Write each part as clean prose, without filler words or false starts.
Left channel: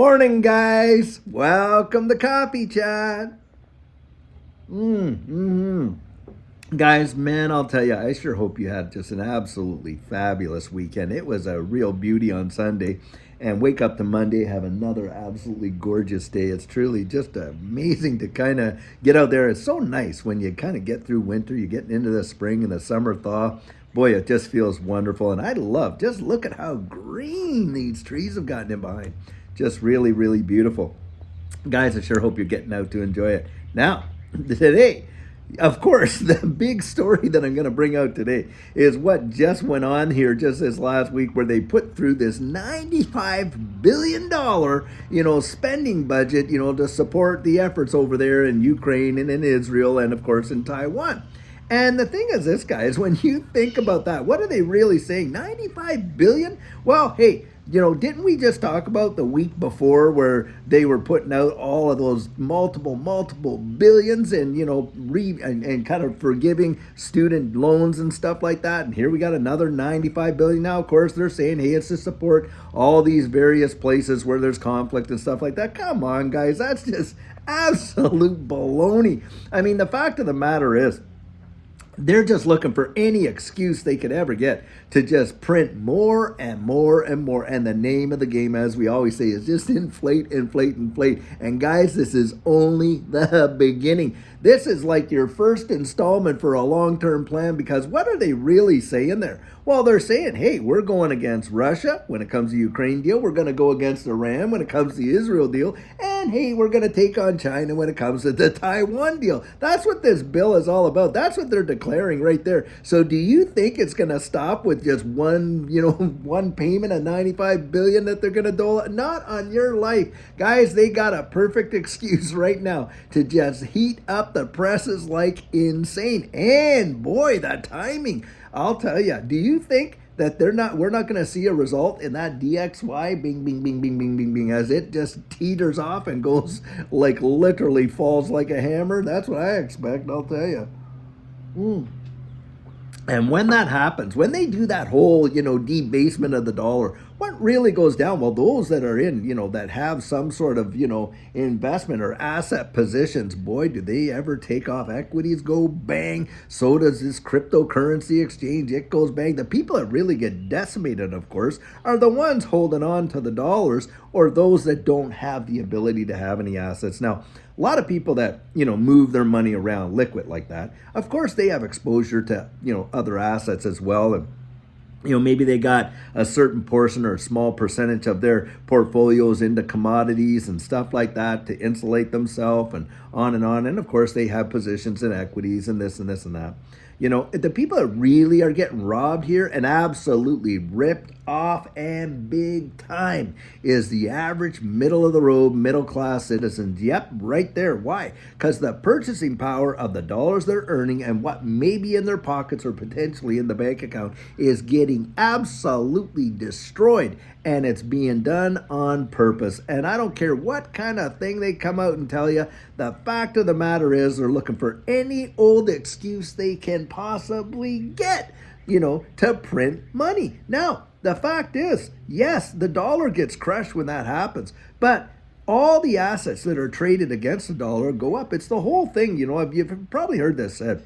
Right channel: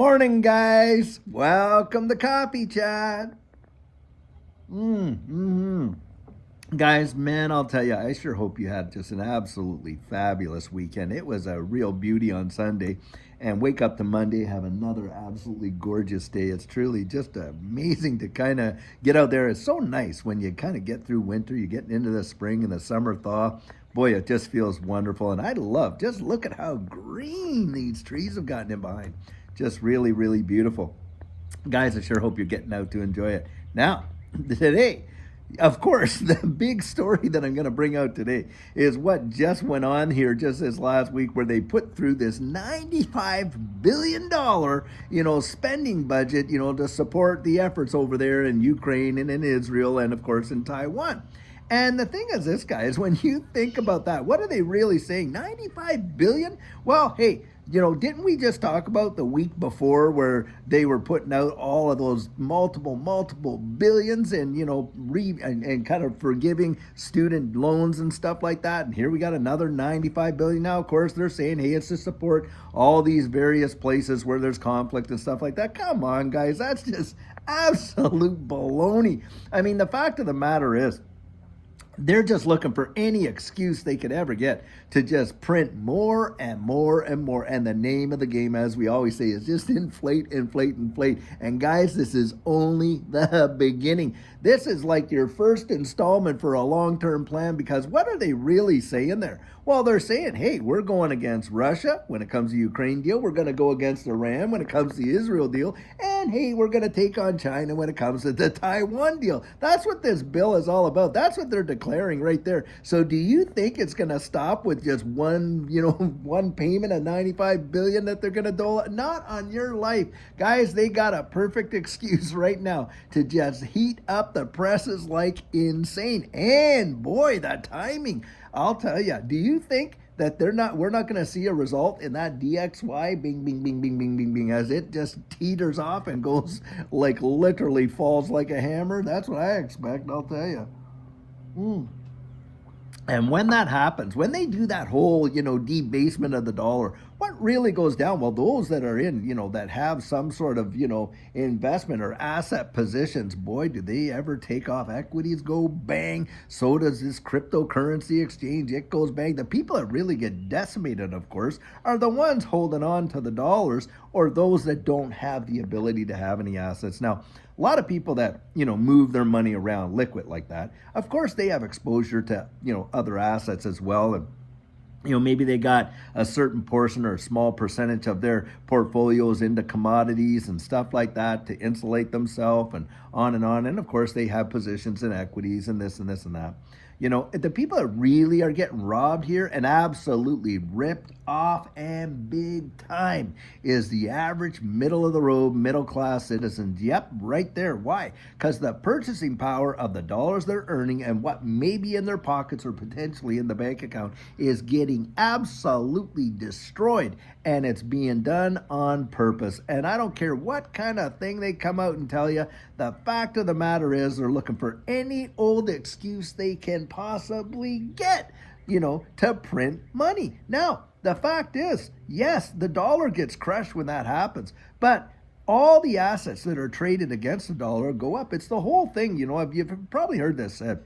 Morning, guys. Welcome to Coffee Chat. Guys, man, I'll tell you, I sure hope you had just an absolutely fabulous weekend. It was a real beauty on Sunday, and wake up to Monday, have another absolutely gorgeous day. It's truly just amazing to kind of get out there. It's so nice when you kind of get through winter, you get into the spring and the summer thaw. Boy, it just feels wonderful. And I love, just look at how green these trees have gotten in behind. Just really, really beautiful. Guys, I sure hope you're getting out to enjoy it. Now, today, of course, the big story that I'm going to bring out today is what just went on here just this last week, where they put through this $95 billion, spending budget, to support the efforts over there in Ukraine and in Israel and, of course, in Taiwan. And the thing is this, guys, when you think about that, what are they really saying? 95 billion? Well, hey, didn't we just talk about the week before where they were putting out all of those multiple billions and, and kind of forgiving student loans and stuff like that? And here we got another 95 billion. Now, of course, they're saying, hey, it's to support all these various places where there's conflict and stuff like that. Come on, guys, that's just absolute baloney. I mean, the fact of the matter is, they're just looking for any excuse they could ever get to just print more and more and more. And the name of the game, as we always say, is just inflate. And guys, this is only the beginning. This is like your first installment for a long-term plan, because what are they really saying there? Well, they're saying, hey, we're going against Russia when it comes to Ukraine deal. We're going to go against Iran when it comes to the Israel deal. And hey, we're going to take on China when it comes to the Taiwan deal. That's what this bill is all about. That's what they're declaring right there. So do you think it's going to stop with just one, one payment of 95 billion that they're going to dole out? Not on your life. Guys, they got a perfect excuse right now to just heat up the presses like insane. And boy, the timing. I'll tell you, do you think that we're not going to see a result in that DXY bing, as it just teeters off and goes like literally falls like a hammer? That's what I expect, I'll tell you. And when that happens, when they do that whole, debasement of the dollar, what really goes down? Well, those that are in, that have some sort of, investment or asset positions, boy, do they ever take off. Equities go bang. So does this cryptocurrency exchange. It goes bang. The people that really get decimated, of course, are the ones holding on to the dollars, or those that don't have the ability to have any assets. Now, a lot of people that, move their money around liquid like that, of course, they have exposure to, other assets as well. And, maybe they got a certain portion or a small percentage of their portfolios into commodities and stuff like that to insulate themselves and on and on. And of course, they have positions in equities and this and this and that. The people that really are getting robbed here and absolutely ripped off and big time is the average middle of the road, middle class citizens. Yep, right there. Why? Because the purchasing power of the dollars they're earning and what may be in their pockets or potentially in the bank account is getting absolutely destroyed. And it's being done on purpose. And I don't care what kind of thing they come out and tell you. The fact of the matter is they're looking for any old excuse they can possibly get, to print money. Now, the fact is, yes, the dollar gets crushed when that happens. But all the assets that are traded against the dollar go up. It's the whole thing. You've probably heard this said.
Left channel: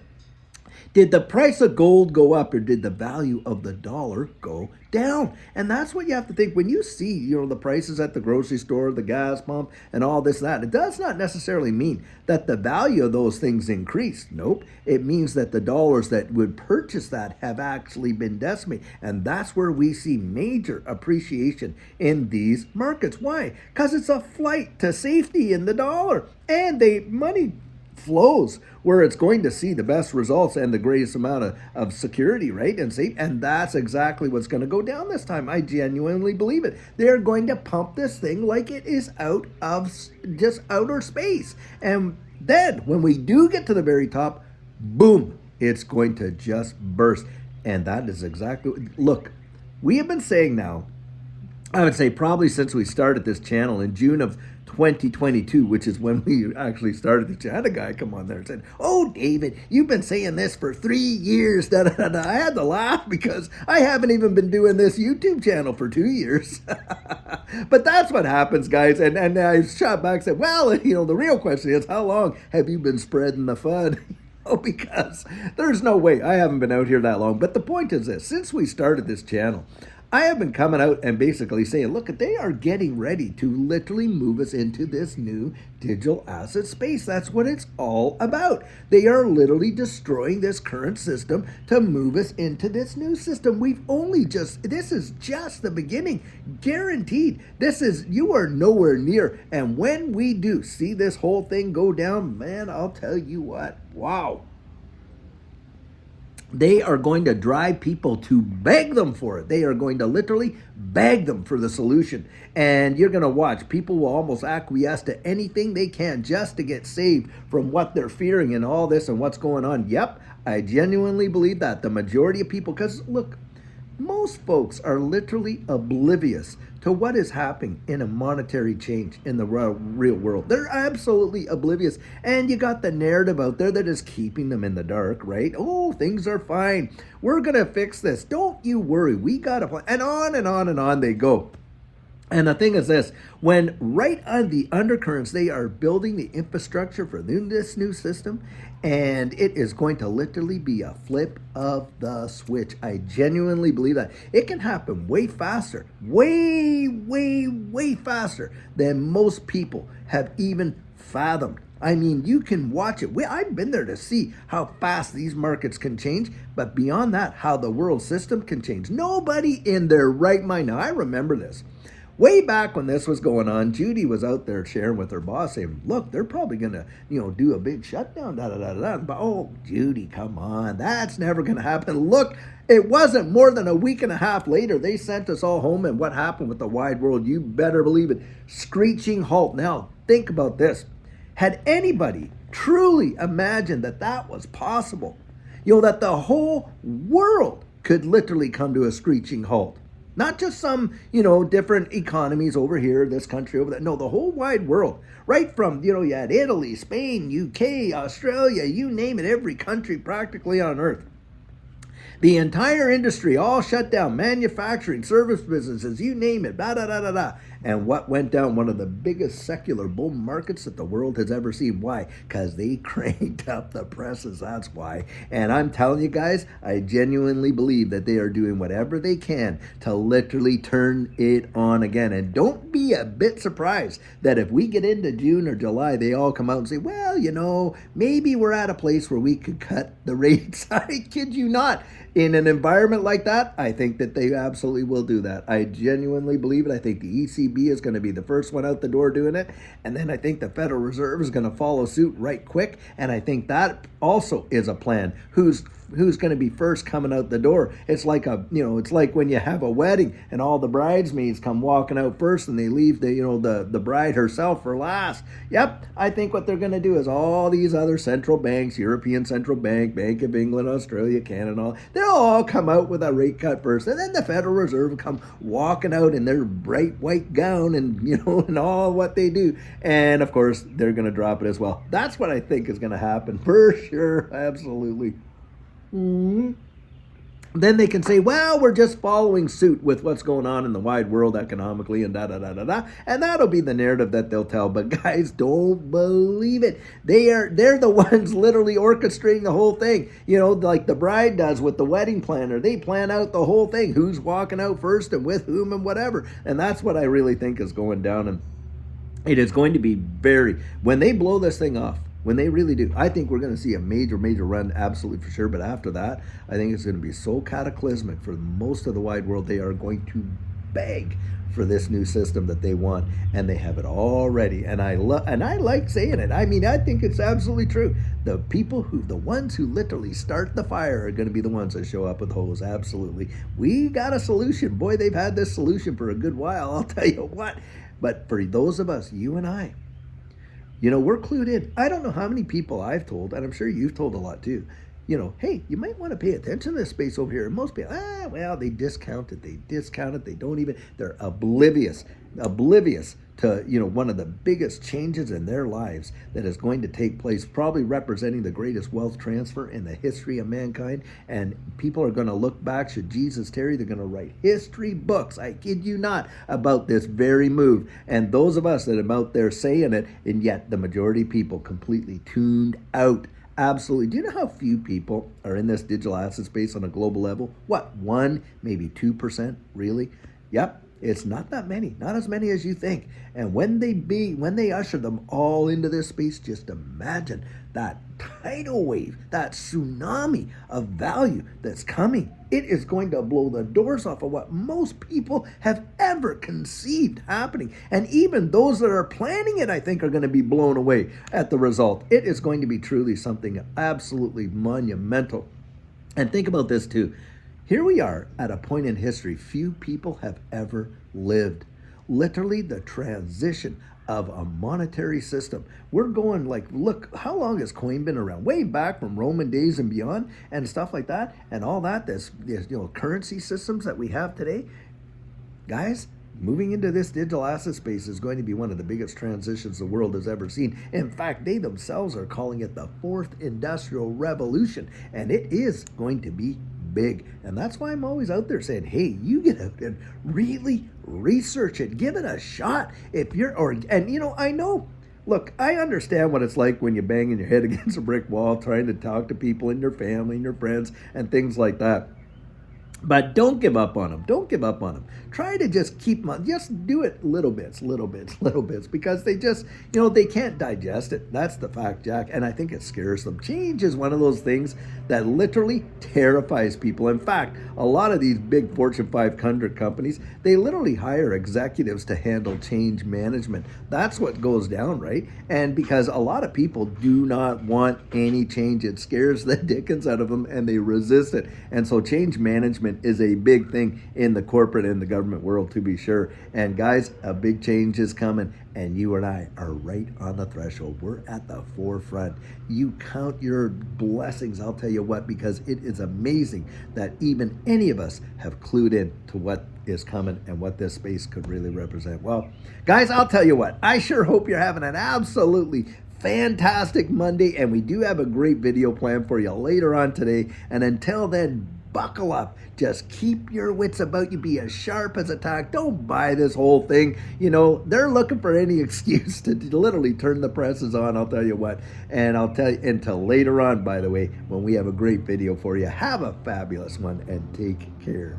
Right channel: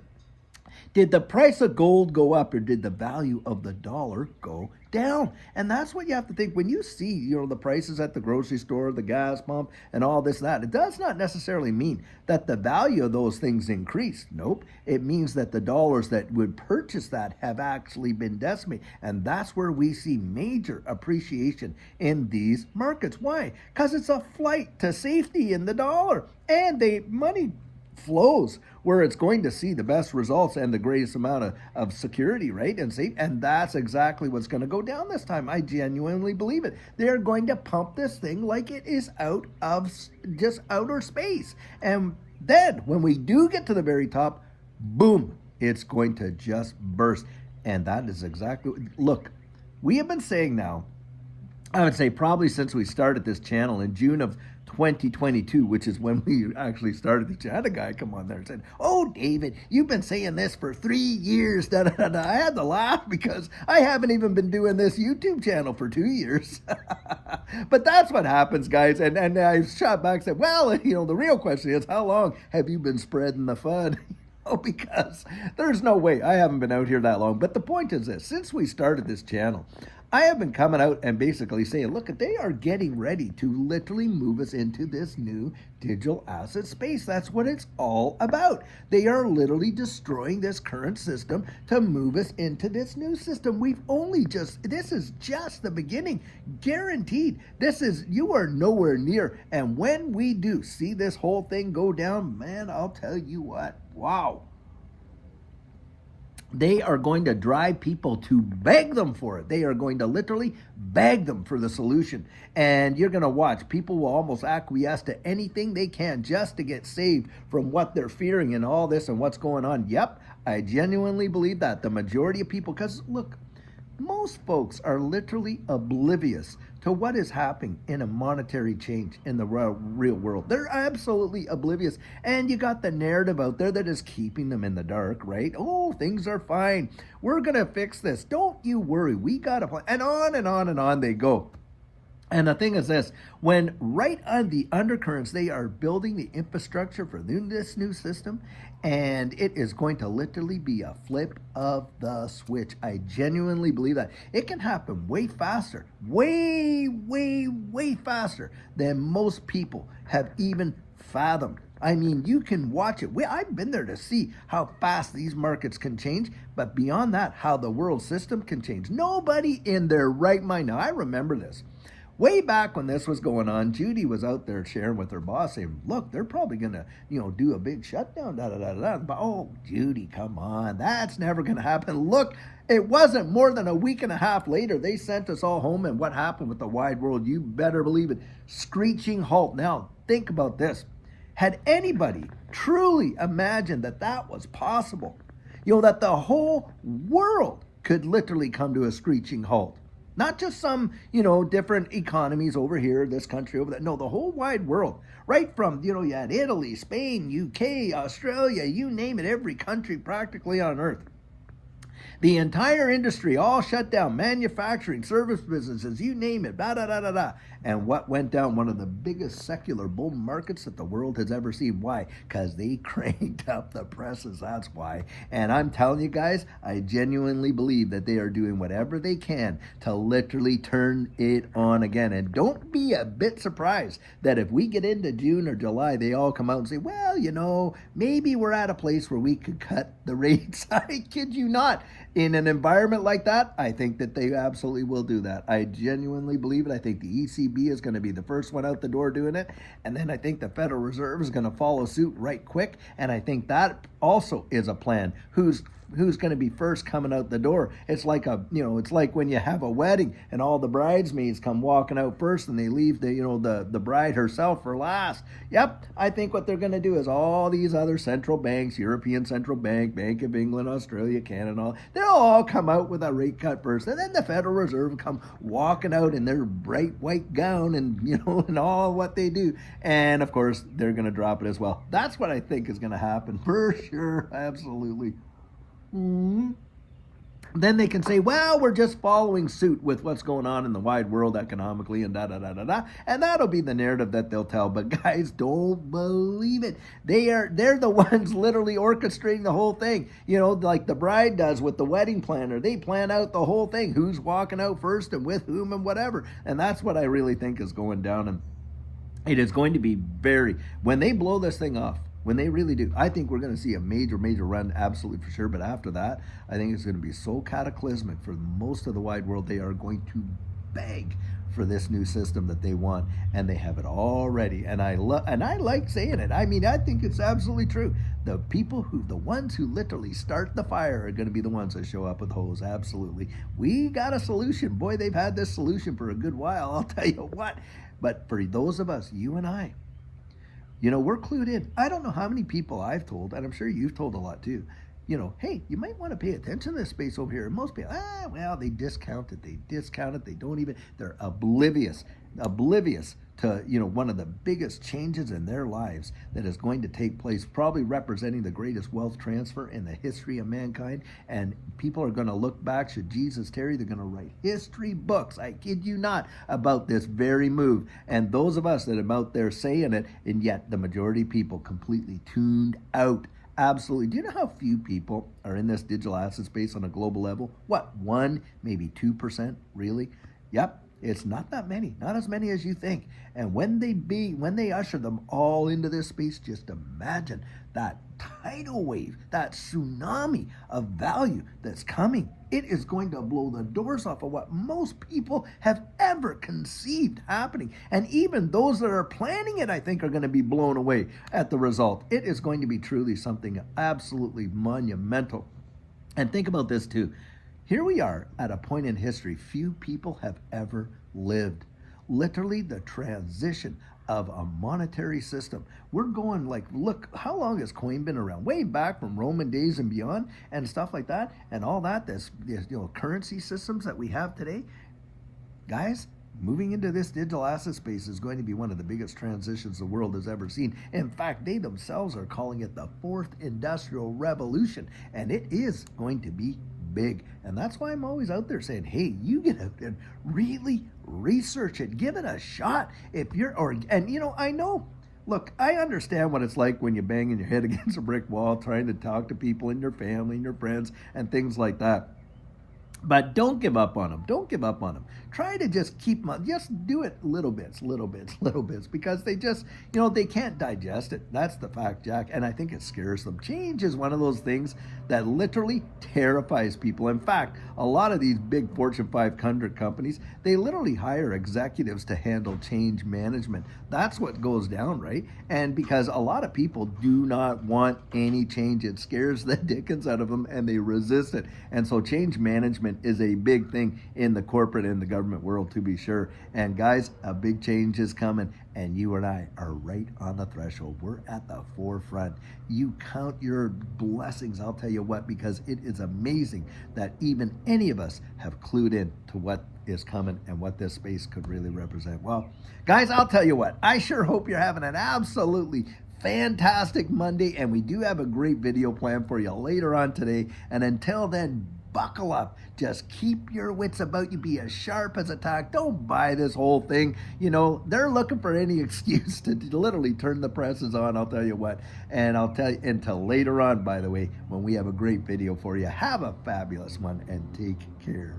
Did the price of gold go up, or did the value of the dollar go down? And that's what you have to think when you see, the prices at the grocery store, the gas pump, and all this, that. It does not necessarily mean that the value of those things increased. Nope. It means that the dollars that would purchase that have actually been decimated. And that's where we see major appreciation in these markets. Why? Because it's a flight to safety in the dollar. And money flows where it's going to see the best results and the greatest amount of security, right? And that's exactly what's going to go down this time. I genuinely believe it. They're going to pump this thing like it is out of just outer space. And then when we do get to the very top, boom, it's going to just burst. And that is exactly, look, we have been saying now, I would say probably since we started this channel in June of 2022, which is when we actually started the channel. A guy come on there and said, "Oh, David, you've been saying this for 3 years." Da, da, da, da. I had to laugh because I haven't even been doing this YouTube channel for 2 years. But that's what happens, guys. And I shot back and said, well, the real question is, how long have you been spreading the FUD? Because there's no way. I haven't been out here that long. But the point is this: since we started this channel, I have been coming out and basically saying, look, they are getting ready to literally move us into this new digital asset space. That's what it's all about. They are literally destroying this current system to move us into this new system. This is just the beginning. Guaranteed. You are nowhere near. And when we do see this whole thing go down, man, I'll tell you what, wow. They are going to drive people to beg them for it. They are going to literally beg them for the solution. And you're going to watch. People will almost acquiesce to anything they can just to get saved from what they're fearing and all this and what's going on. Yep, I genuinely believe that. The majority of people, because look, most folks are literally oblivious to what is happening in a monetary change in the real world. They're absolutely oblivious. And you got the narrative out there that is keeping them in the dark, right? Oh, things are fine. We're going to fix this. Don't you worry. We got a plan. And on and on and on they go. And the thing is this, when right on the undercurrents, they are building the infrastructure for this new system, and it is going to literally be a flip of the switch. I genuinely believe that. It can happen way faster, way, way, way faster than most people have even fathomed. I mean, you can watch it. I've been there to see how fast these markets can change, but beyond that, how the world system can change. Nobody in their right mind, now I remember this. Way back when this was going on, Judy was out there sharing with her boss saying, look, they're probably going to, do a big shutdown, But, oh, Judy, come on. That's never going to happen. Look, it wasn't more than a week and a half later. They sent us all home, and what happened with the wide world, you better believe it, screeching halt. Now, think about this. Had anybody truly imagined that that was possible, that the whole world could literally come to a screeching halt? Not just some, different economies over here, this country over there. No, the whole wide world. Right from, you had Italy, Spain, UK, Australia, you name it, every country practically on earth. The entire industry all shut down. Manufacturing, service businesses, you name it, da-da-da-da-da. And what went down? One of the biggest secular bull markets that the world has ever seen. Why? Because they cranked up the presses, that's why. And I'm telling you guys, I genuinely believe that they are doing whatever they can to literally turn it on again. And don't be a bit surprised that if we get into June or July, they all come out and say, well, maybe we're at a place where we could cut the rates. I kid you not. In an environment like that, I think that they absolutely will do that. I genuinely believe it. I think the ECB is going to be the first one out the door doing it. And then I think the Federal Reserve is going to follow suit right quick. And I think that also is a plan. Who's going to be first coming out the door? It's like it's like when you have a wedding and all the bridesmaids come walking out first and they leave the bride herself for last. Yep, I think what they're going to do is all these other central banks, European Central Bank, Bank of England, Australia, Canada, they'll all come out with a rate cut first, and then the Federal Reserve will come walking out in their bright white gown and and all what they do, and of course they're going to drop it as well. That's what I think is going to happen for sure, absolutely. Then they can say, well, we're just following suit with what's going on in the wide world economically and da-da-da-da-da. And that'll be the narrative that they'll tell. But guys, don't believe it. They're the ones literally orchestrating the whole thing. Like the bride does with the wedding planner. They plan out the whole thing. Who's walking out first and with whom and whatever. And that's what I really think is going down. And it is going to be when they blow this thing off, when they really do, I think we're going to see a major, major run, absolutely for sure. But after that, I think it's going to be so cataclysmic for most of the wide world. They are going to beg for this new system that they want, and they have it all ready. And I like saying it. I mean, I think it's absolutely true. The ones who literally start the fire are going to be the ones that show up with hose. Absolutely. We got a solution. Boy, they've had this solution for a good while, I'll tell you what. But for those of us, you and I, we're clued in. I don't know how many people I've told, and I'm sure you've told a lot too, hey, you might want to pay attention to this space over here. And most people, they discount it. They don't even, they're oblivious to, one of the biggest changes in their lives that is going to take place, probably representing the greatest wealth transfer in the history of mankind. And people are going to look back, should Jesus tarry, they're going to write history books, I kid you not, about this very move. And those of us that are out there saying it, and yet the majority of people completely tuned out. Absolutely. Do you know how few people are in this digital asset space on a global level? What, 1, maybe 2%, really? Yep. It's not that many, not as many as you think. And when they usher them all into this space, just imagine that tidal wave, that tsunami of value that's coming. It is going to blow the doors off of what most people have ever conceived happening. And even those that are planning it, I think, are going to be blown away at the result. It is going to be truly something absolutely monumental. And think about this too. Here we are at a point in history few people have ever lived. Literally the transition of a monetary system. We're going look, how long has coin been around? Way back from Roman days and beyond and stuff like that and all that. This currency systems that we have today. Guys, moving into this digital asset space is going to be one of the biggest transitions the world has ever seen. In fact, they themselves are calling it the fourth industrial revolution, and it is going to be big. And that's why I'm always out there saying, hey, you get out and really research it, give it a shot. I know, look, I understand what it's like when you're banging your head against a brick wall trying to talk to people in your family and your friends and things like that. But don't give up on them. Don't give up on them. Try to just keep them, just do it little bits, because they just, they can't digest it. That's the fact, Jack. And I think it scares them. Change is one of those things that literally terrifies people. In fact, a lot of these big Fortune 500 companies, they literally hire executives to handle change management. That's what goes down, right? And because a lot of people do not want any change, it scares the dickens out of them and they resist it. And so change management is a big thing in the corporate and the government world, to be sure. And guys, a big change is coming, and you and I are right on the threshold. We're at the forefront. You count your blessings, I'll tell you what, because it is amazing that even any of us have clued in to what is coming and what this space could really represent. Well, guys, I'll tell you what, I sure hope you're having an absolutely fantastic Monday, and we do have a great video planned for you later on today. And until then, buckle up. Just keep your wits about you. Be as sharp as a tack. Don't buy this whole thing. They're looking for any excuse to literally turn the presses on, I'll tell you what. And I'll tell you until later on, by the way, when we have a great video for you. Have a fabulous one and take care.